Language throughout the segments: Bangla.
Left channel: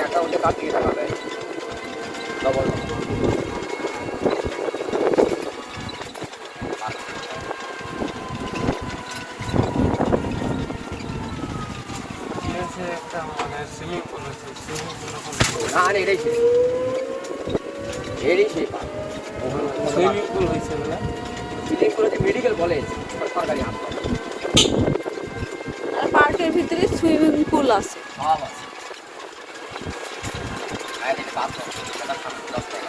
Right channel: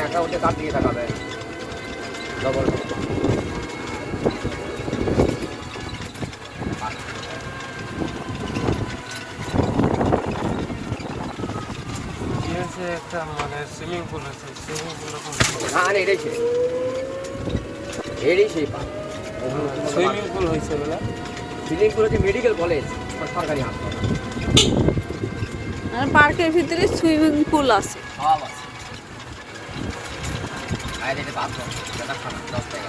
অ্যাকাউন্টে কার থেকে টাকা দেয় ডবল একটা মানে সুইমিং পুল আছে না এটাই ছিল এটাই সেই সুইমিং পুল হয়েছে না সুইমিং পুল হচ্ছে মেডিকেল কলেজ সরকারি হাসপাতাল আর পার্কের ভিতরে সুইমিং পুল আছে সব আছে আর এটা বাথরুম এটা 10 টাকা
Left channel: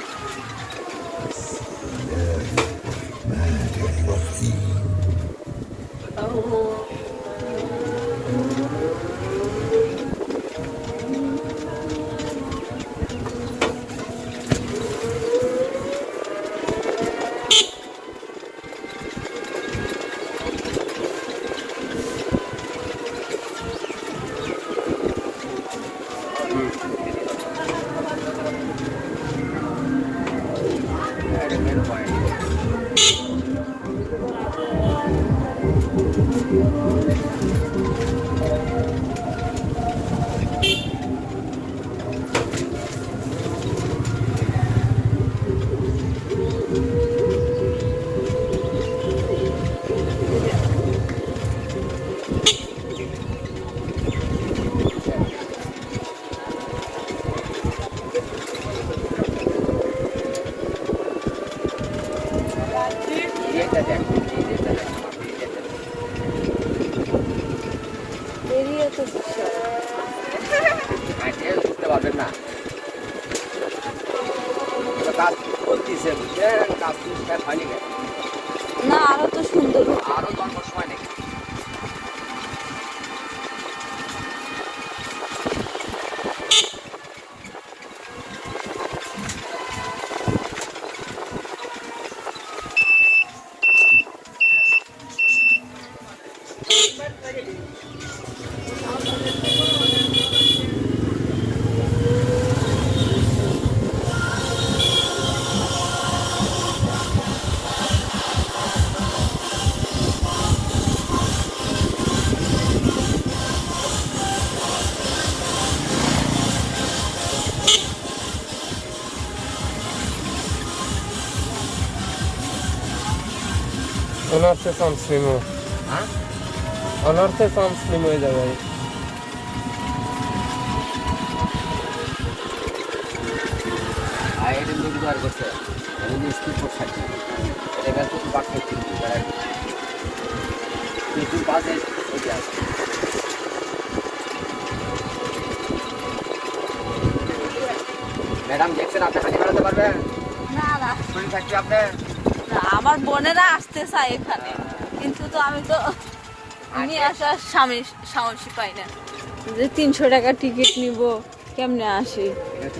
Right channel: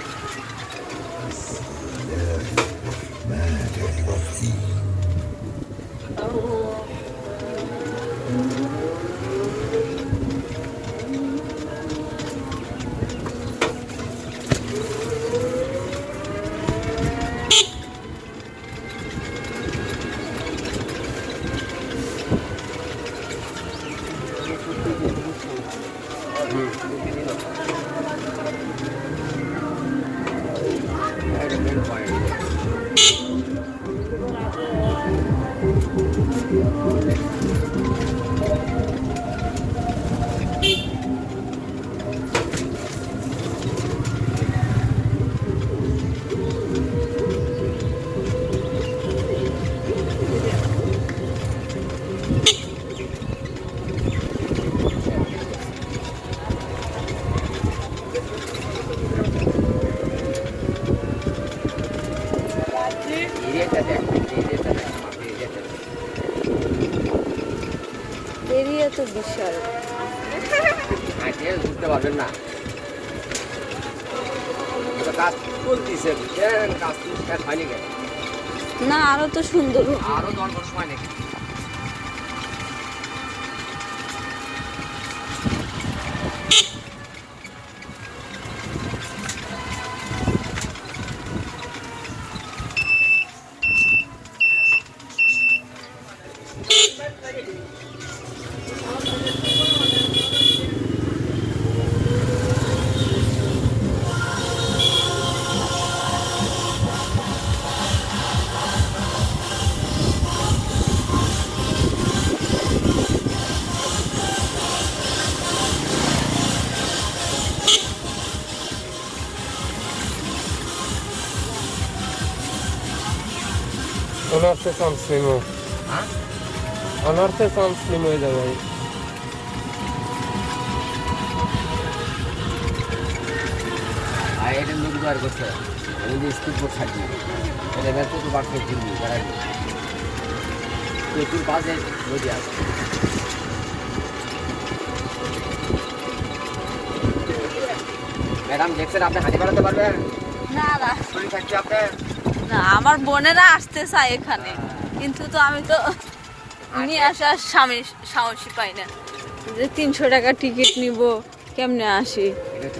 এরিয়া তো বিশাল বুঝতে পারবেন না কাজ করতেছে কাজ হয়নি কেন না আরো তো সুন্দর আরো 10 বছর সময় নাকি অনার্সে সামসলিম অনার্সে সামসলিম হয়ে যায় ভাই আইডেন দুটো আর করতে আমি স্কুল পর থাকি ওরা বলতে তো বাকি কিনবি যারা তুই কাজে বুঝে আসছে ম্যাডাম দেখছেন আপনি হাঁটি বাড়াতে পারবেন না না শরীর থাকছে আপনি না আমার বোনেরা আসতে চায় এখানে কিন্তু তো আমি তো নিয়ে আসার সাহসী পাই না যে 300 টাকা টিকিট নিব কেমনে আসি এটা তো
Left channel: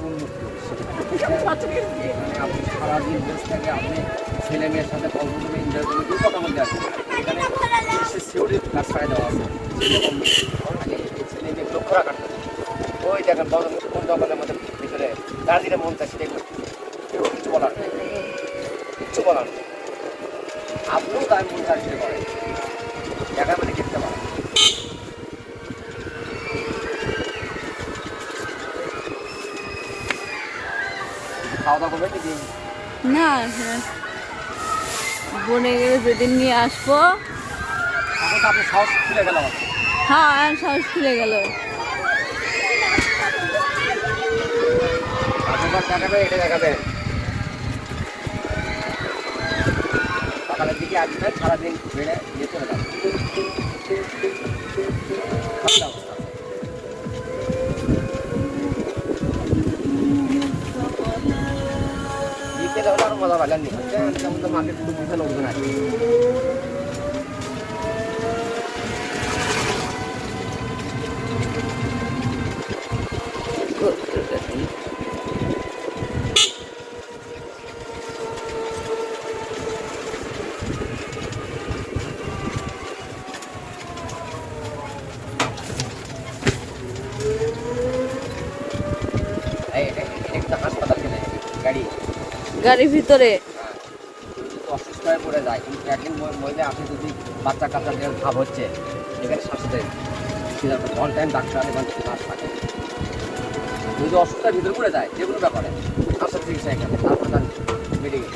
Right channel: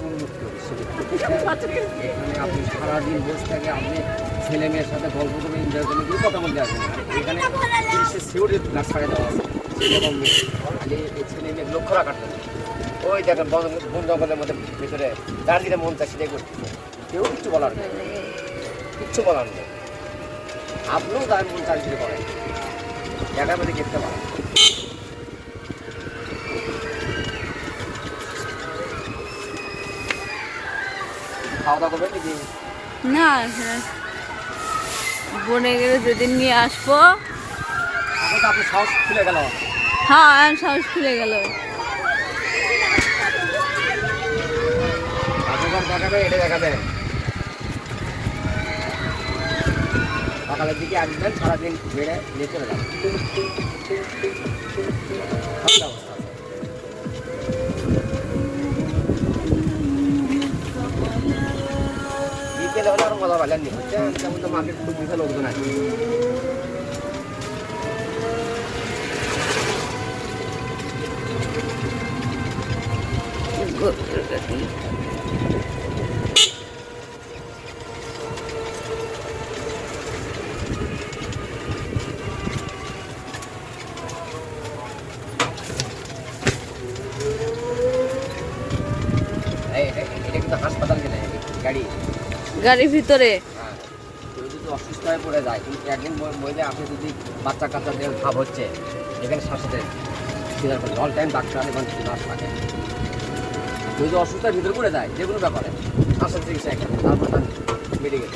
আপনি সারাদিন বসে থাকে আপনি ছেলে মেয়ের সাথে গল্প করে এনজয় করে দিয়ে কথা বলতে আসবেন এখানে সিউরি ক্লাস করে দেওয়া আছে ছেলে মেয়ে লক্ষ্য রাখার ওই দেখেন বন্ধ দোকানের মধ্যে ভিতরে তার যেটা মন চাচ্ছে দেখবেন কেউ কিছু বলার নেই কিচ্ছু বলার নেই আপনিও তার মন চাচ্ছে করেন দেখা করে দেখতে পারেন খাওয়া দাওয়া করবেন নাকি না বোনে গেলে যেদিন নিয়ে আসবো আপনি সাহস খুলে গেল হ্যাঁ সাহস খুলে গেল আপনার দেখাবে এটা দেখাবে সকালের দিকে আসবেন সারাদিন বেড়ে নিয়ে চলে যাবেন বিকেলে হলে আর মজা পাইলেন নি যেমন তো মাকে পুরো বুঝে লোকজন আছে হাসপাতাল গাড়ি গাড়ির ভিতরে অসুস্থ হয়ে পড়ে যায়, কিন্তু একজন মহিলা আপনি যদি বাচ্চা কাচ্চা ভাব হচ্ছে এখানে সাথে সিজার করে অন টাইম ডাক্তার এখান থেকে মাস থাকে, যদি অসুস্থতার ভিতরে পড়ে যায় যেগুলোটা করে আসল চিকিৎসা এখানে মেডিকেল।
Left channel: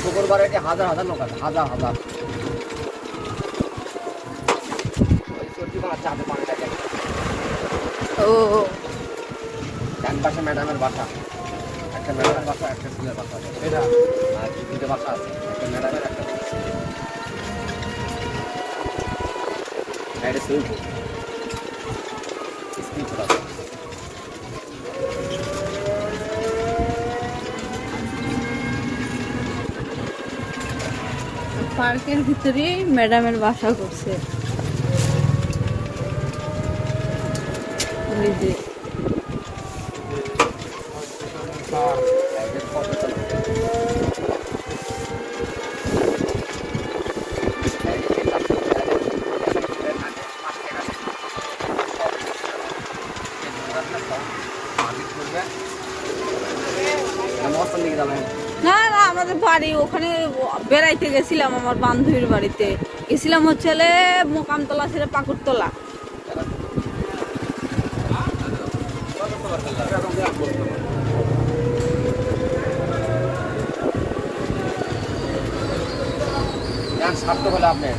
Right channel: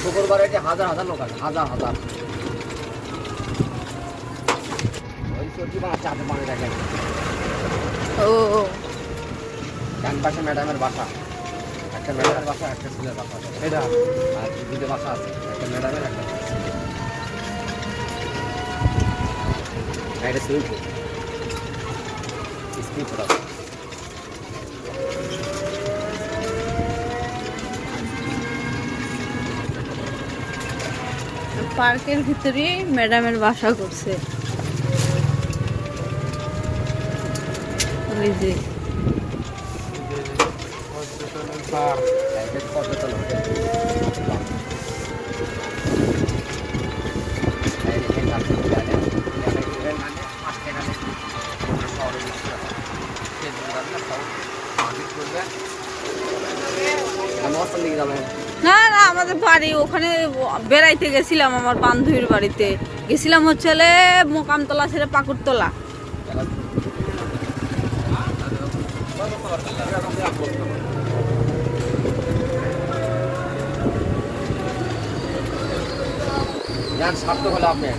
শুক্রবার এটি হাজার হাজার লোক আছে, হাজার হাজার। চাঁদে পানি দেখা ও ডান পাশে ম্যাডামের বাসা, একটা ম্যাডামের বাসা একটা ছেলের বাসা আছে, এটা আর দুটো বাসা আছে, একটা ম্যাডামের একটা এটা সুইমিং পুল স্পিড আছে। পার্কের ভিতরেই ম্যাডামের বাসা করছে। ওই যে না না আমাদের বাড়ি ওখানে বেড়াইতে গেছিলাম, আমার বান্ধবীর বাড়িতে গেছিলাম হচ্ছে মোকামতলা ছেড়ে পাকুড়তলা। স্বার্থ হলে আপনি